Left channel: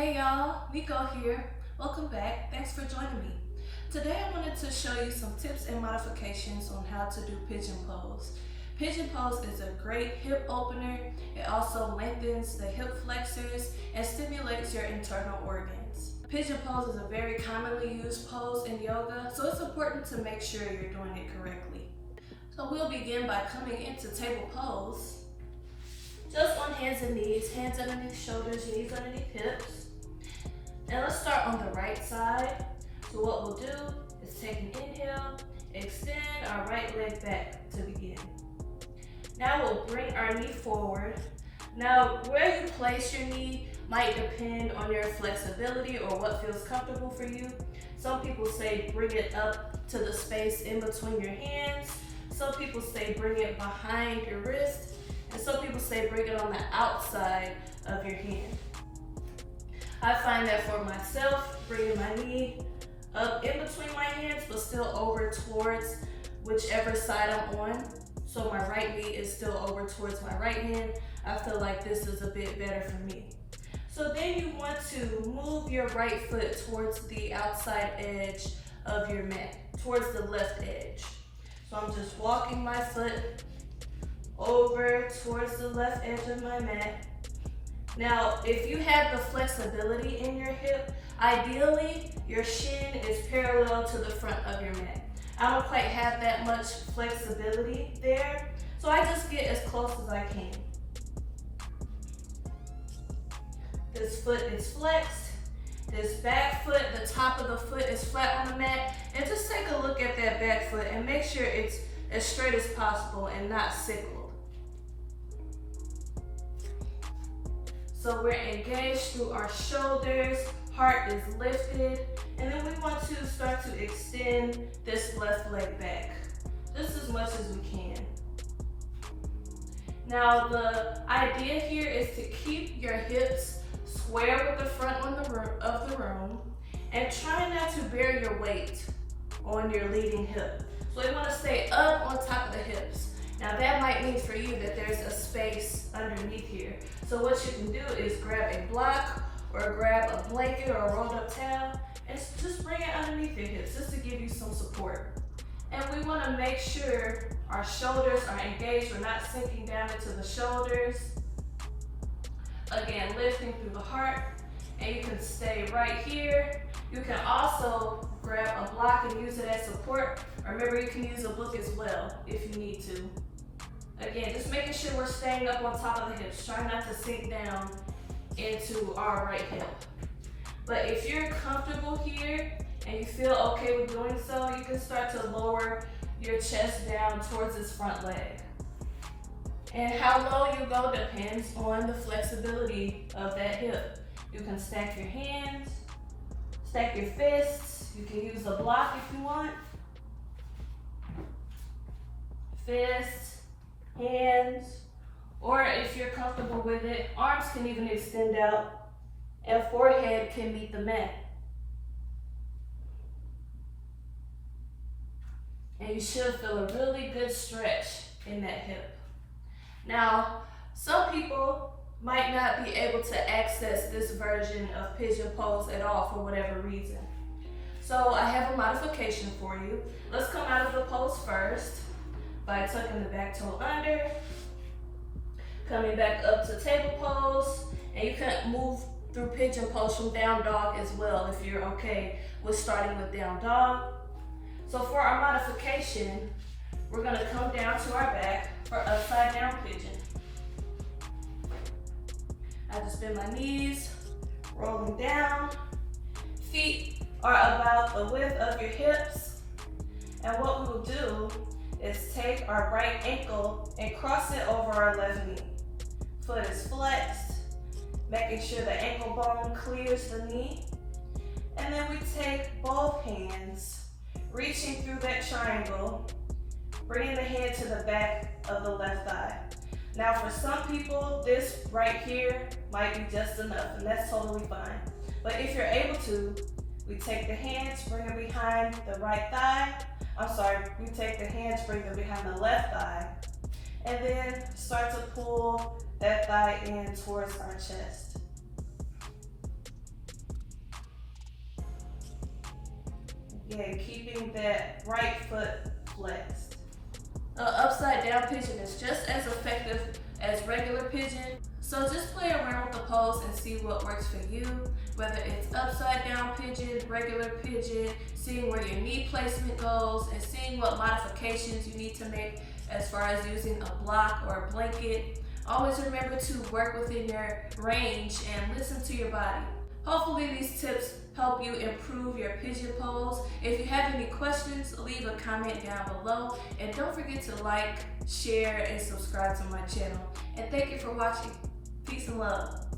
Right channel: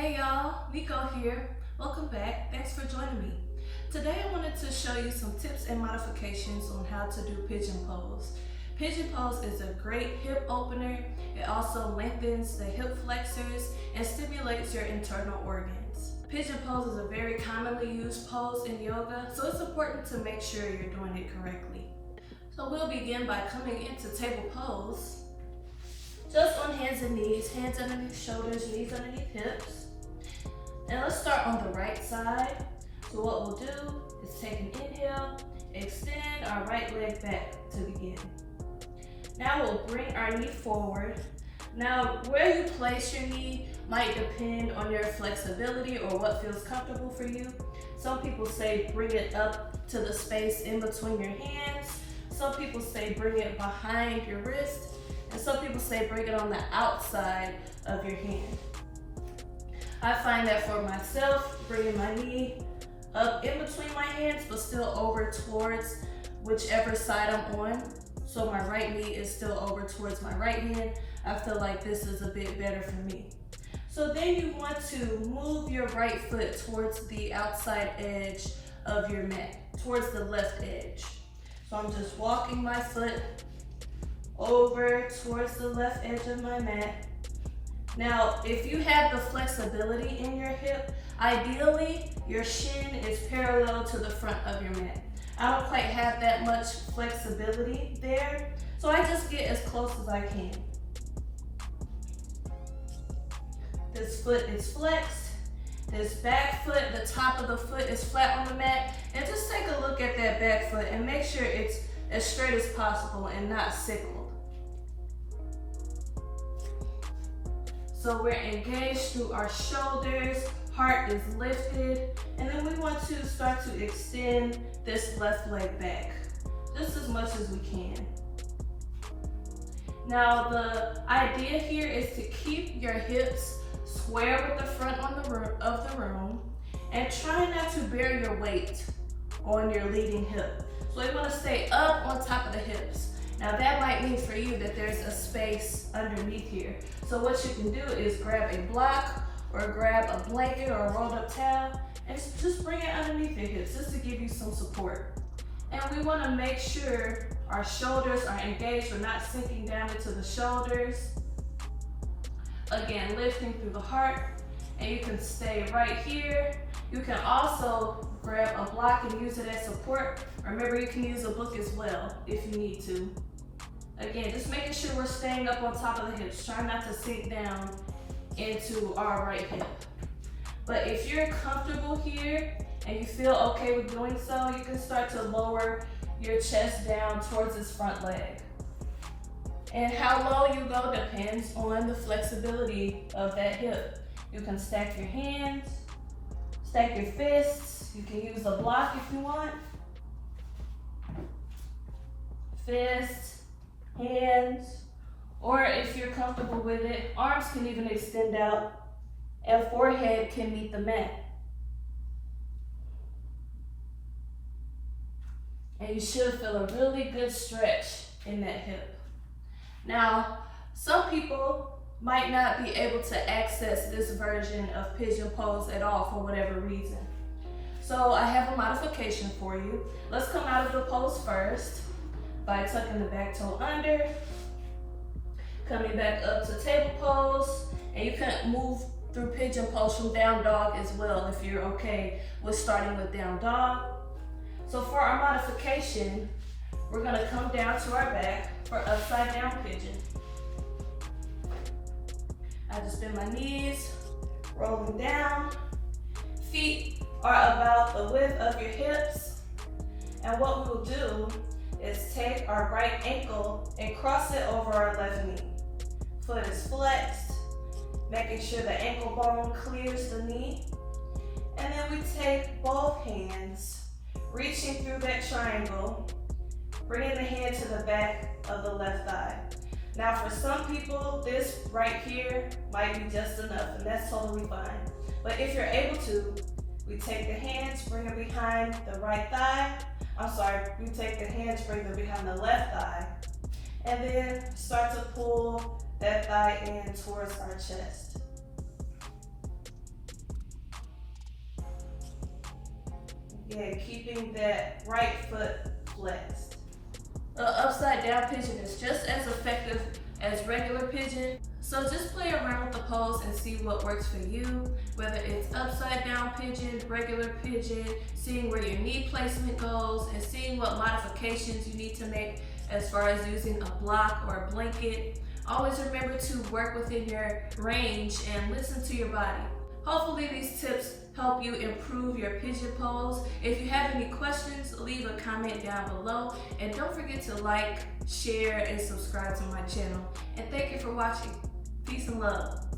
Hey y'all, Nico here. Welcome back. Thanks for joining me. Today I wanted to show you some tips and modifications on how to do Pigeon Pose. Pigeon Pose is a great hip opener. It also lengthens the hip flexors and stimulates your internal organs. Pigeon Pose is a very commonly used pose in yoga, so it's important to make sure you're doing it correctly. So we'll begin by coming into table pose. Just on hands and knees, hands underneath shoulders, knees underneath hips. And let's start on the right side. So what we'll do is take an inhale, extend our right leg back to begin. Now we'll bring our knee forward. Now where you place your knee might depend on your flexibility or what feels comfortable for you. Some people say bring it up to the space in between your hands. Some people say bring it behind your wrist. And some people say bring it on the outside of your hand. I find that for myself, bringing my knee up in between my hands, but still over towards whichever side I'm on. So my right knee is still over towards my right hand. I feel like this is a bit better for me. So then you want to move your right foot towards the outside edge of your mat, towards the left edge. So I'm just walking my foot over towards the left edge of my mat. Now, if you have the flexibility in your hip, ideally your shin is parallel to the front of your mat. I don't quite have that much flexibility there, so I just get as close as I can. This foot is flexed. This back foot, the top of the foot is flat on the mat. And just take a look at that back foot and make sure it's as straight as possible and not sickled. So we're engaged through our shoulders, heart is lifted, and then we want to start to extend this left leg back, just as much as we can. Now the idea here is to keep your hips square with the front of the room, and try not to bear your weight on your leading hip. So you want to stay up on top of the hips. Now that might mean for you that there's a space underneath here. So what you can do is grab a block or grab a blanket or a rolled up towel and just bring it underneath your hips just to give you some support. And we want to make sure our shoulders are engaged. We're not sinking down into the shoulders. Again, lifting through the heart, and you can stay right here. You can also grab a block and use it as support. Remember, you can use a book as well if you need to. Again, just making sure we're staying up on top of the hips. Try not to sink down into our right hip. But if you're comfortable here and you feel okay with doing so, you can start to lower your chest down towards this front leg. And how low you go depends on the flexibility of that hip. You can stack your hands, stack your fists. You can use a block if you want. Fists, hands, or if you're comfortable with it, arms can even extend out and forehead can meet the mat. And you should feel a really good stretch in that hip. Now, some people might not be able to access this version of Pigeon Pose at all for whatever reason. So I have a modification for you. Let's come out of the pose first by tucking the back toe under, coming back up to table pose, and you can move through Pigeon Pose from down dog as well if you're okay with starting with down dog. So for our modification, we're gonna come down to our back for upside down pigeon. I just bend my knees, rolling down. Feet are about the width of your hips. And what we will do is take our right ankle and cross it over our left knee. Foot is flexed, making sure the ankle bone clears the knee. And then we take both hands, reaching through that triangle, bringing the hand to the back of the left thigh. Now for some people, this right here might be just enough, and that's totally fine. But if you're able to, we take the hands, bring them behind the right thigh. We take the hands, bring them behind the left thigh, and then start to pull that thigh in towards our chest. Yeah, keeping that right foot flexed. Upside down pigeon is just as effective as regular pigeon. So just play around with the pose and see what works for you, whether it's upside down pigeon, regular pigeon, seeing where your knee placement goes, and seeing what modifications you need to make as far as using a block or a blanket. Always remember to work within your range and listen to your body. Hopefully these tips help you improve your pigeon pose. If you have any questions, leave a comment down below, and don't forget to like, share, and subscribe to my channel. And thank you for watching. Peace and love.